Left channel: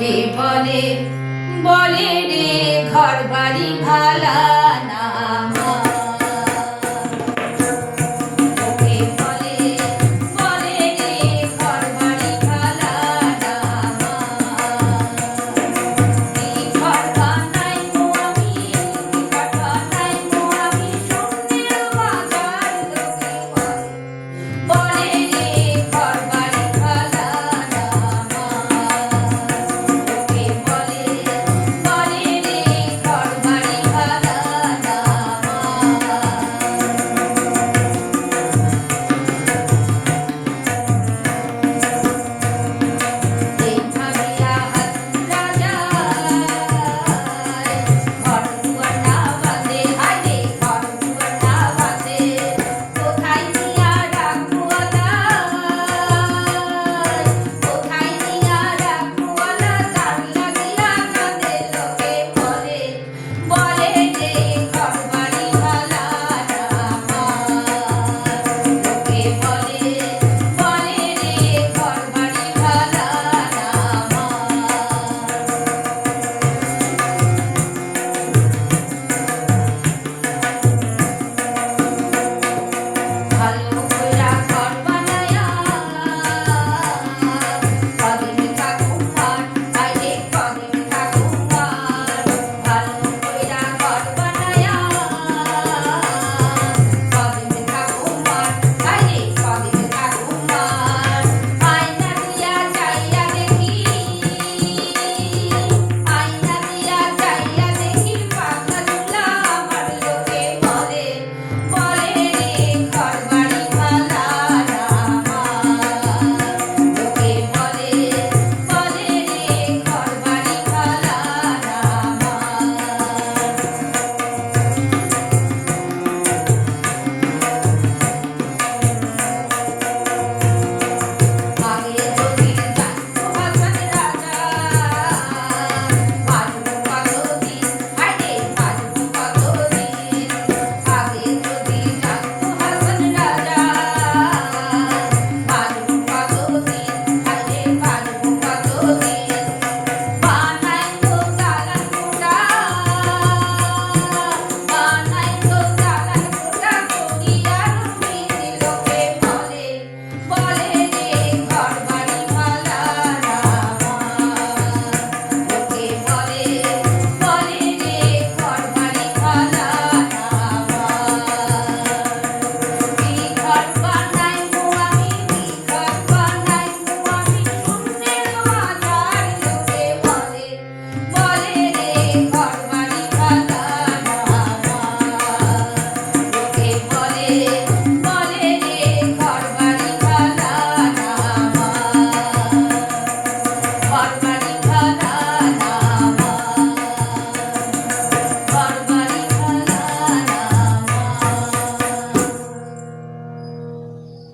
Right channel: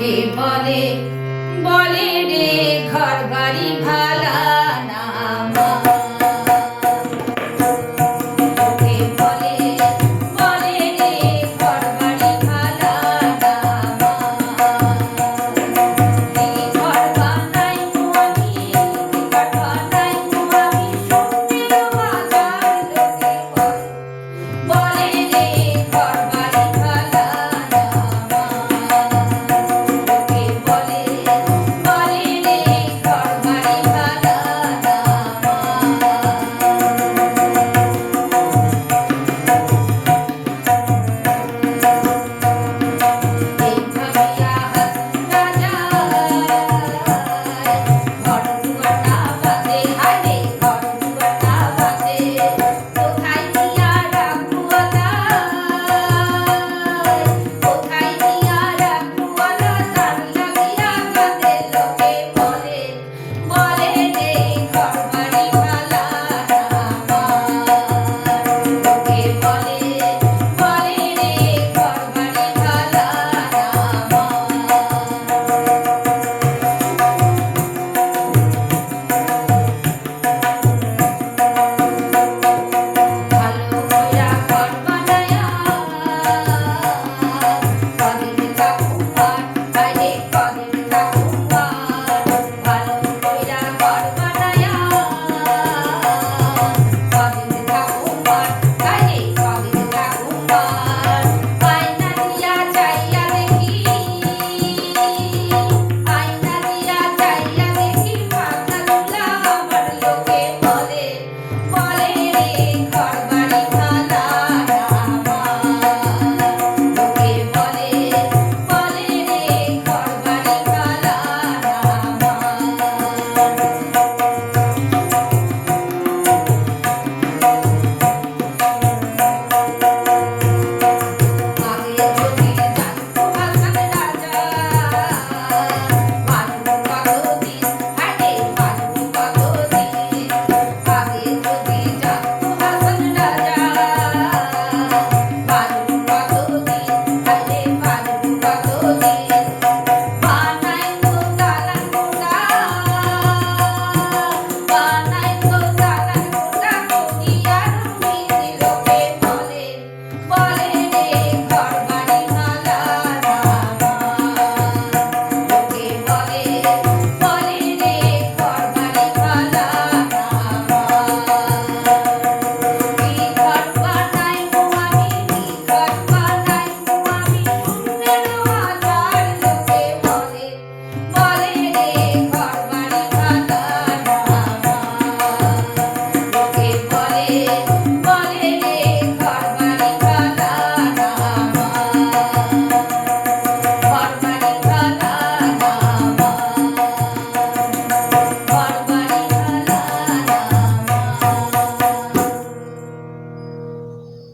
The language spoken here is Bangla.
মুখে বলে? বলে রে ঘর বাড়ি ভালা।